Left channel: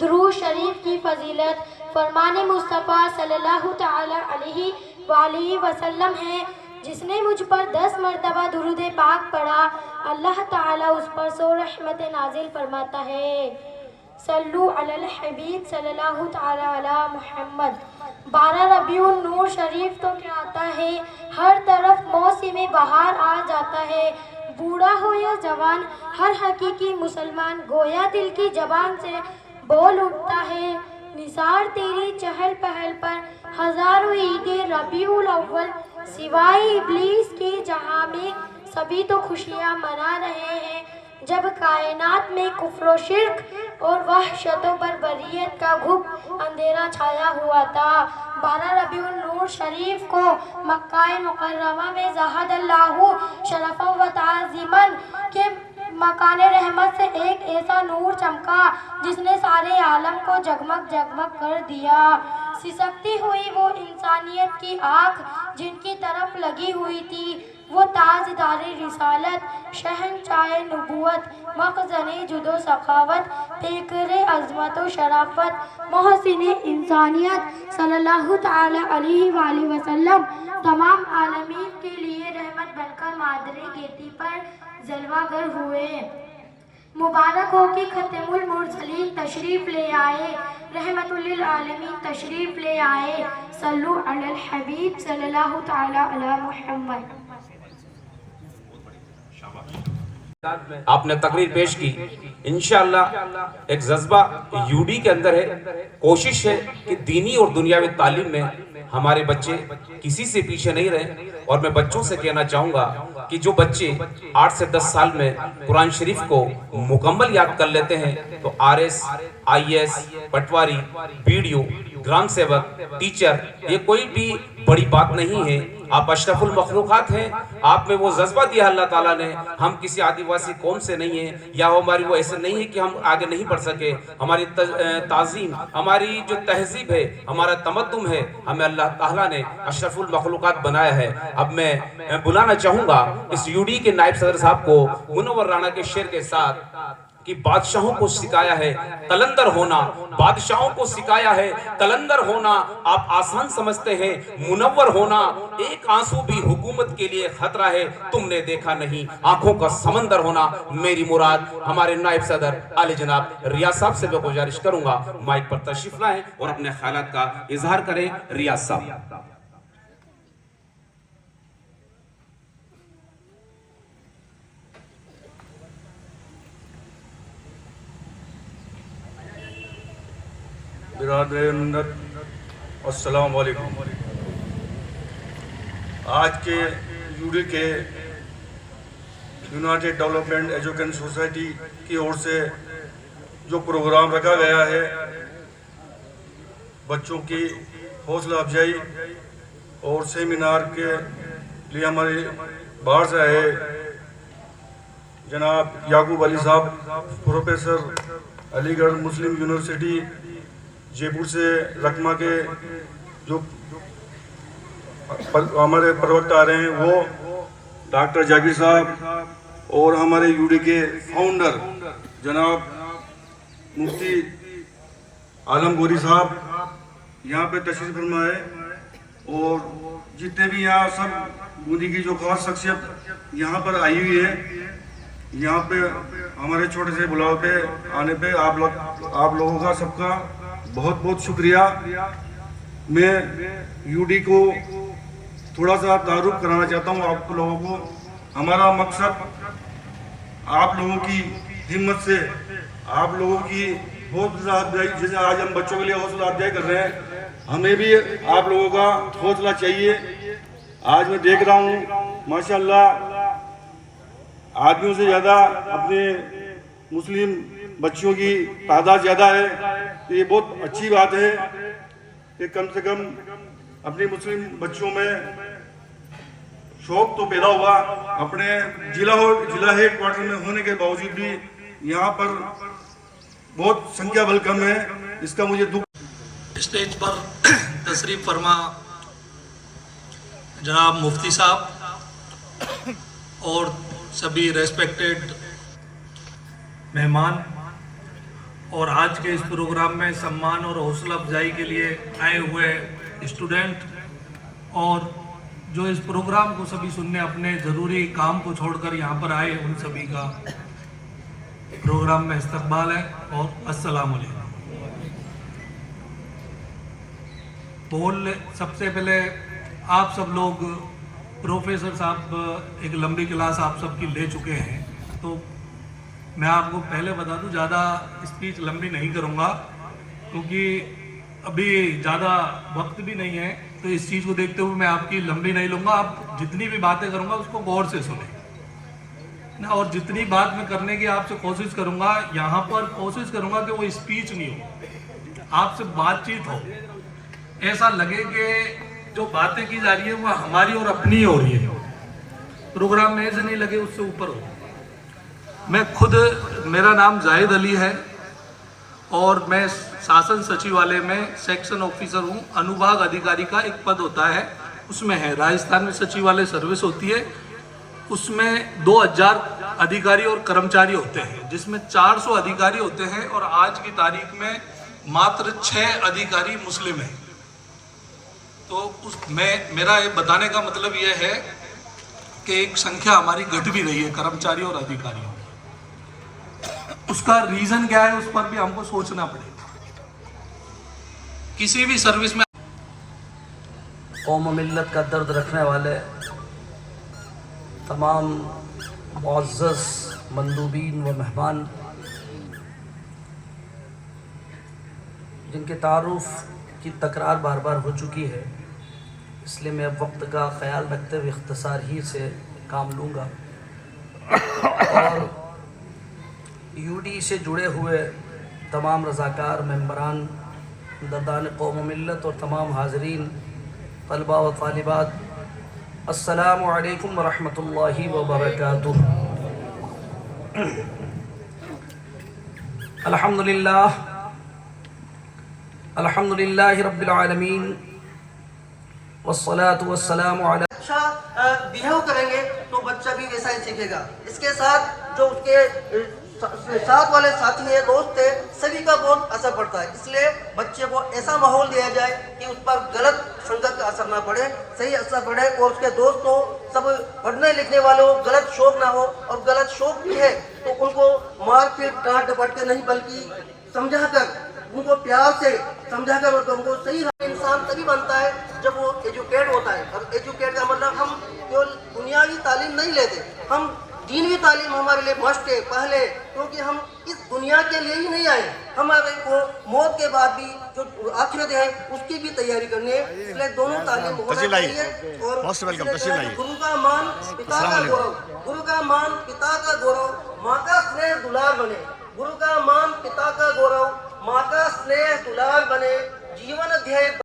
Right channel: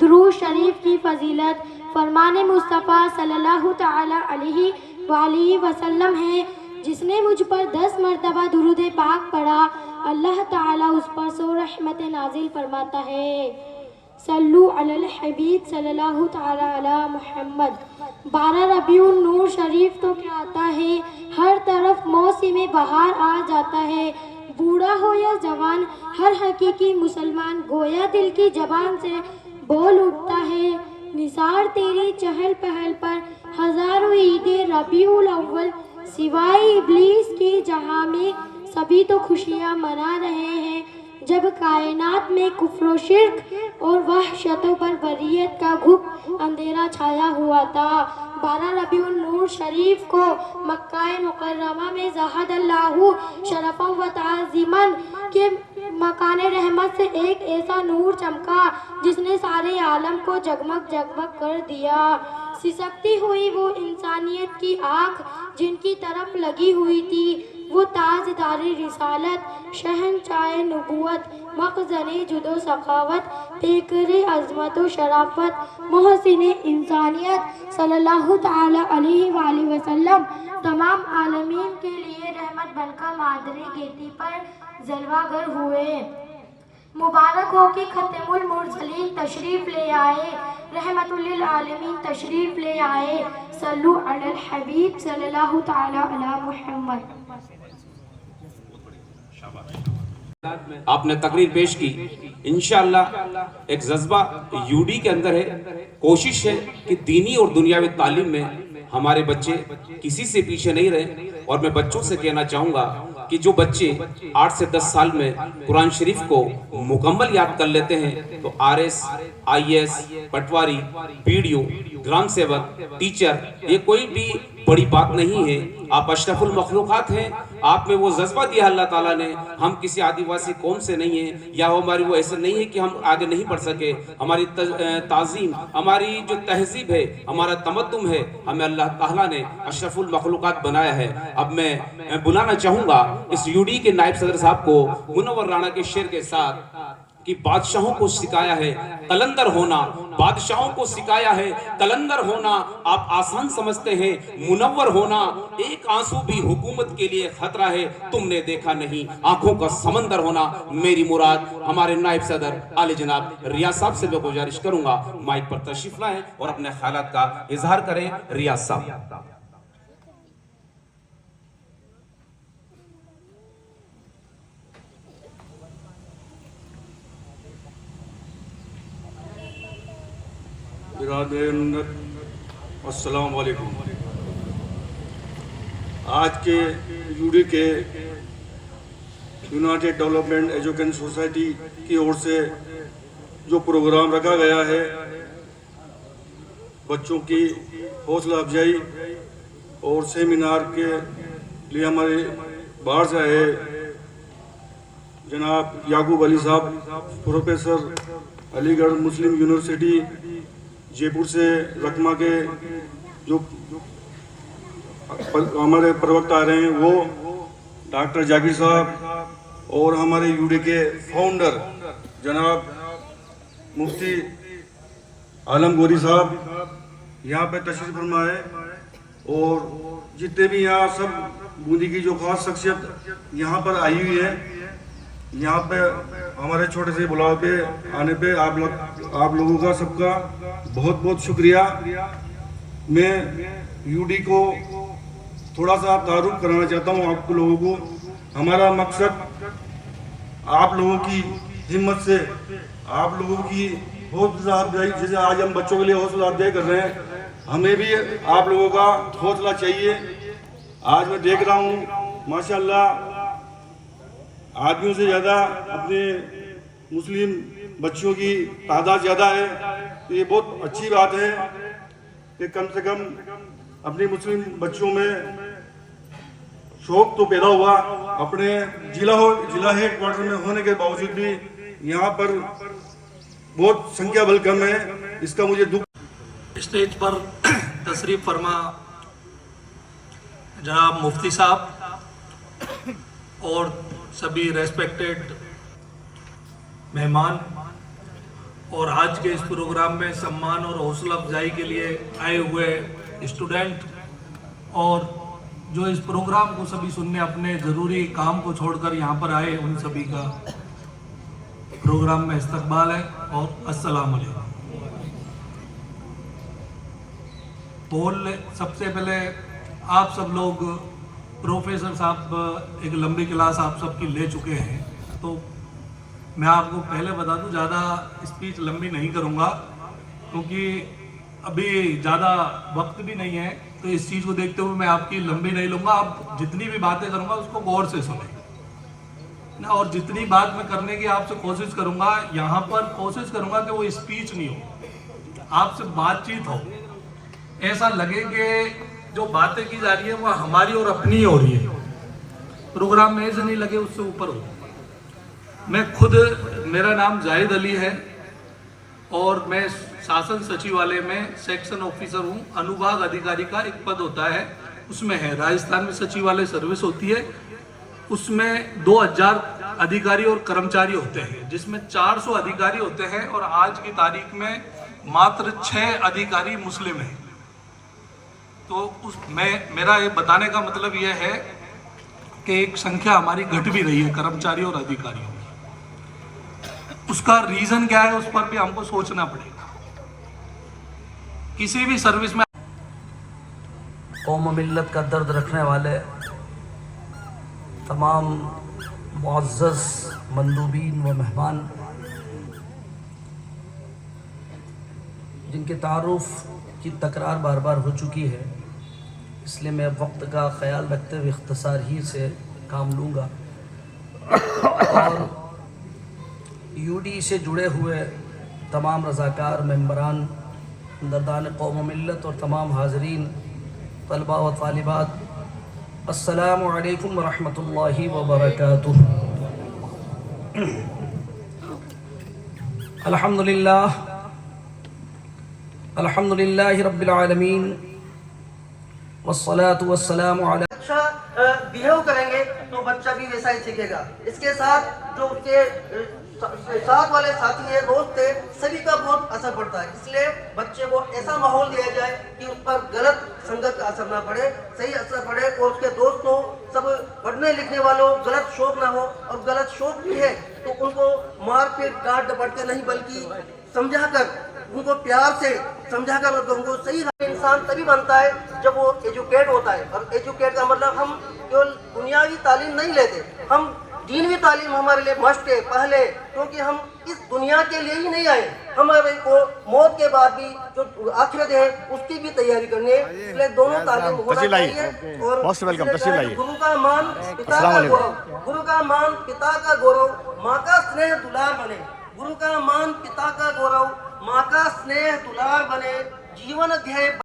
दुरूद शरीफ की फजीलत फरमान मुस्तफ़ा सल्लल्लाहु तआला अलैहि वसल्लम है। जिसने मुझ पर 10 मरतबा दुरूद पाक पढ़ा, अल्लाह ताला उस पर 100 रहमत नाजिल फरमाता है। सल्लु अलल हबीब सल्लल्लाहु तआला अला मुहम्मद। 12 रबीउन नूर शरीफ तो क्या आता है, हर तरफ मौसम बहार आ जाता है। बूढ़ा हो या जवान, हर हकीकी मुसलमान गोया दिल की जबान से बोल उठता है। निसार तेरी चहल पहल पर हजारों ईदे रबीउल अव्वल, सिवाय इब्लीस की जहां में सभी तो खुशियां मना रहे हैं। जब कायनात में कुफ्र शिर्क और वहशतों पर बरियत का घुप अंधेरा छाया हुआ था, 12 रबीउल नूर शरीफ को मक्का मुकर्रमा में ज़हदल्लाहु शरफ़न व ताज़ीमन के मकाने रहमत से एक ऐसा नूर चमका जिसने सारे आलम को जगमग जगमग कर दिया। सिसकती हुई वो इंसानियत की आँख जिनकी तरफ लगी हुई थी, वो ताजदारी रिसालत, शहंशाए नबूवत, मखज़ने जुदो सखावत, पेकरे अज़मत व शराफत, मोहसिने इंसानियत सल्लल्लाहु तआला अलैहि वसल्लम तमाम आलमीन के लिए रहमत बनकर मादरे गेटी पर जलवागर हुए। मुबारक हो कि खत्मुल मुरसलीन तशरीफ ले आए, रहमतुल लिल आलमीन तशरीफ ले आए। सल्लु अलल हबीब सल्लल्लाहु तआला अला मुहम्मद। आपने तकरीर पेश की, इंशाअल्लाह एक जज्बा यूडी के अंदर है। कोशिश है कि दीनी और दुनियावी तालीम में हमारे बच्चे किसी से पीछे नहीं रहे। और मैं बच्चों से कहना चाहूंगा कि जो बच्चे 8 से 10 साल में कुरान शरीफ को मुकम्मल याद कर लेते हैं तो आरएस, आईएएस, पटवारी, बीडीओ, ग्राम सेवक, टीचर, ये कोई भी बड़ी बात नहीं है। आप अशरफुल मखलूकात हैं। आप में वो जज्बा दिया अल्लाह ताला ने। हम किसी आदिवासी कौम से नहीं है, या हमारी वो ऐसे नहीं है कि हम आगे नहीं बढ़ सके। हमारी ताजीम, हमारी जो तहजीब है, हमारा तमद्दुन है, हमें अल्लाह ताला ने अशरफुल मखलूकात बनाया है। अब मैं बुलाना चाहूंगा इस यूडी के नायब सदर साहब को मुनव्वर राणा के शेर के साथ कि बादशाहों को सिखाया है कलंदर होना, बादशाहों को सिखाया है कलंदर होना। आप आसान समझते हैं मुनव्वर होना, एक आंसू भी हुकूमत के लिए खतरा है, तुमने देखा नहीं आंखों का समंदर होना। मेरी मुराद हमारे नायब सदर आले जनाब रियाज साहब से मैं गुजारिश करूंगा माइक पर तशरीफ लाएं और अपने ख्यालात का इजहार करें। रियाज साहब। अस्सलाम वालेकुम। आज के यूडी के यूनाइटेड डेवलपमेंट एजुकेशन सोसाइटी की ओर से जो प्रोग्राम रखा गया है, बच्चों की हौसला अफजाई और सेमिनार के लिए हमारे बाहर से आए जनाब याकूब अली साहब, प्रोफेसर अलीगढ़ मुस्लिम यूनिवर्सिटी जयपुर से रकमा के जो हमारे प्रवक्ता आ रहे हैं, वो डॉक्टर जाकिर साहब और हमारे यूडी के फाउंडर जनाब मुफ्ती आलम गोरी साहब यहाँ पे तशरीफ फरमा है। और जितने भी यहाँ सब बूंदी की जो खास शख्सियत यहाँ पर आई हुई है, यहाँ पे हमारे छोटे से बुलाव पे आने पे आप लोगों का सबका बहुत बहुत शुक्रिया। मैं यूडी को थोड़ा सा तारुफ कराना चाहता हूँ आप लोगों को। हमारा मकसद आप लोगों की हिम्मत से, आप लोगों की हौसला अफजाई, जैसे आज हम बच्चों के लिए हौसला अफजाई कर रहे हैं, हमें भी आप लोगों का हौसला चाहिए। आज मैं देख रहा हूँ माशाल्लाह आदमियों से ज़्यादा अपने मुस्लिम बच्चियों की तादाद ज़्यादा है। तो ये बहुत अच्छी बात है कि कम से कम अपनी मुस्लिम बच्चियों में शौक तो पैदा हुआ। अपने जिला हेड क्वार्टर में होने के बावजूद भी यहाँ पर बहुत संख्या बल कम है, इसका मुझे दुख। स्टेज पर तशरीफ फरमा जनाब मुफ्ती साहब और सभी रेस्पेक्टेड मेहमान और आज के इस प्रोग्राम में सम्मान और हौसला अफजाई के लिए आए हुए स्टूडेंट और जो इस प्रोग्राम को सभी सुनने अपने ज़रूरी काम को छोड़कर यहाँ पर आए, उन सभी का प्रोग्राम में इस्तकबाल है और अस्सलाम वालेकुम। सबसे पहले आप सब लोग प्रोफेसर साहब एक लंबी क्लास आप सबकी ले चुके हैं, तो मैं आपको पहले बता दूं ज़्यादा स्पीच लंबी नहीं करूंगा क्योंकि अभी ज़्यादा वक्त भी नहीं है। तो इस चीज़ को देखते हुए मैं आपकी लंबी नहीं लूँगा। आप जितनी भी बातें करूँगा उसको गौर से सुने ना, और जितनी बात मैं करने की आपसे कोशिश करूँगा, यहाँ पर कोशिश करूँगा कि वो स्पीच नहीं हो, आपसे बातचीत हो, ऐसा लगे कि जो बातें की जा रही हैं वह हमारी और अपनी ही हो रही है, प्रोग्राम में ऐसे नहीं लगे उससे ऊपर हो। मैं खुद, मेरा नाम जाहिद अली है और मैं शासन सचिवालय में सेक्शन ऑफिसर हूँ। अनुभाग अधिकारी का एक पद होता है, उसमें है राजस्थान में सचिवालय सर्विस होती है, उसमें 2000 अधिकारी और कर्मचारी होते हैं, जिसमें 400 अधिकारी होते हैं और आज की तारीख में मात्र 6 अधिकारी मुस्लिम हैं। तो मेरा ये बताने का मतलब यह है कि एक संख्या हमारी घट भी रही है कर्मचारी और अधिकारियों की। उसका रीजन क्या है, उस पर भी हमको सोचना पड़ेगा। किसी भी सर्विस में कौम मिल्लत का दर्द रखने वाले तमाम मुअज़्ज़ज़ मंदूबीन व मेहमान, जिनके तारुफ की तकरार बार बार हो चुकी है, इसलिए मैं वक्त का ख्याल रखते हुए इख्तिसार ही से काम लूँगा। और यूडी से जुड़े हुए तमाम रज़ाकार, मेंबरान, दरदान कौम मिल्लत और तमाम हाज़रीन, तलबा व तालिबात, अस्सलामु अलैकुम व रहमतुल्लाहि व बरकातुहू। अल्हम्दुलिल्लाहि रब्बिल आलमीन वस्सलातु वस्सलामु अला। अच्छा बिहेव करेंगे तो बच्चा भी वैसा ही सीखेगा। इसके साथ जो उसके साथ वाले साथी है, दोस्त है, सभी का बहुत असर पड़ता है। इसलिए बच्चे को ऐसा माहौल दिया जाए कि उस पर गलत संगत का असर ना पड़े, सही असर पड़े, और उसके दोस्त हो, सब पढ़ने लिखने वाले हो, गलत शौक ना हो, और गलत शौक भी है तो उनको मार के डांट डपट के नहीं, बल्कि समझा कर, उनको प्यार से समझा कर और उनको सही इंसान तभी बनता है जब वो एजुकेट होता है। और एजुकेट का मतलब हम केवल दुनियावी तालीम नहीं लेते, हम दीनी तालीम हमारे लिए मस्ट है पहले, क्योंकि हम इस दुनिया के लिए ही नहीं आए, हमारे को मौत के बाद भी जो आखिरत है उसकी भी तैयारी करनी है। इसलिए दोनों तालीम तशरीफ लाइए, मोस्ट वेलकम, तशरीफ लाइए। गुरु का मान पिता का गौरव, गुरु का मान पिता का गौरव, माँ का स्नेह दुलार बने। गुरु का मान पिता का गौरव, माँ का स्नेह दुलार बने। जीवन अध्याय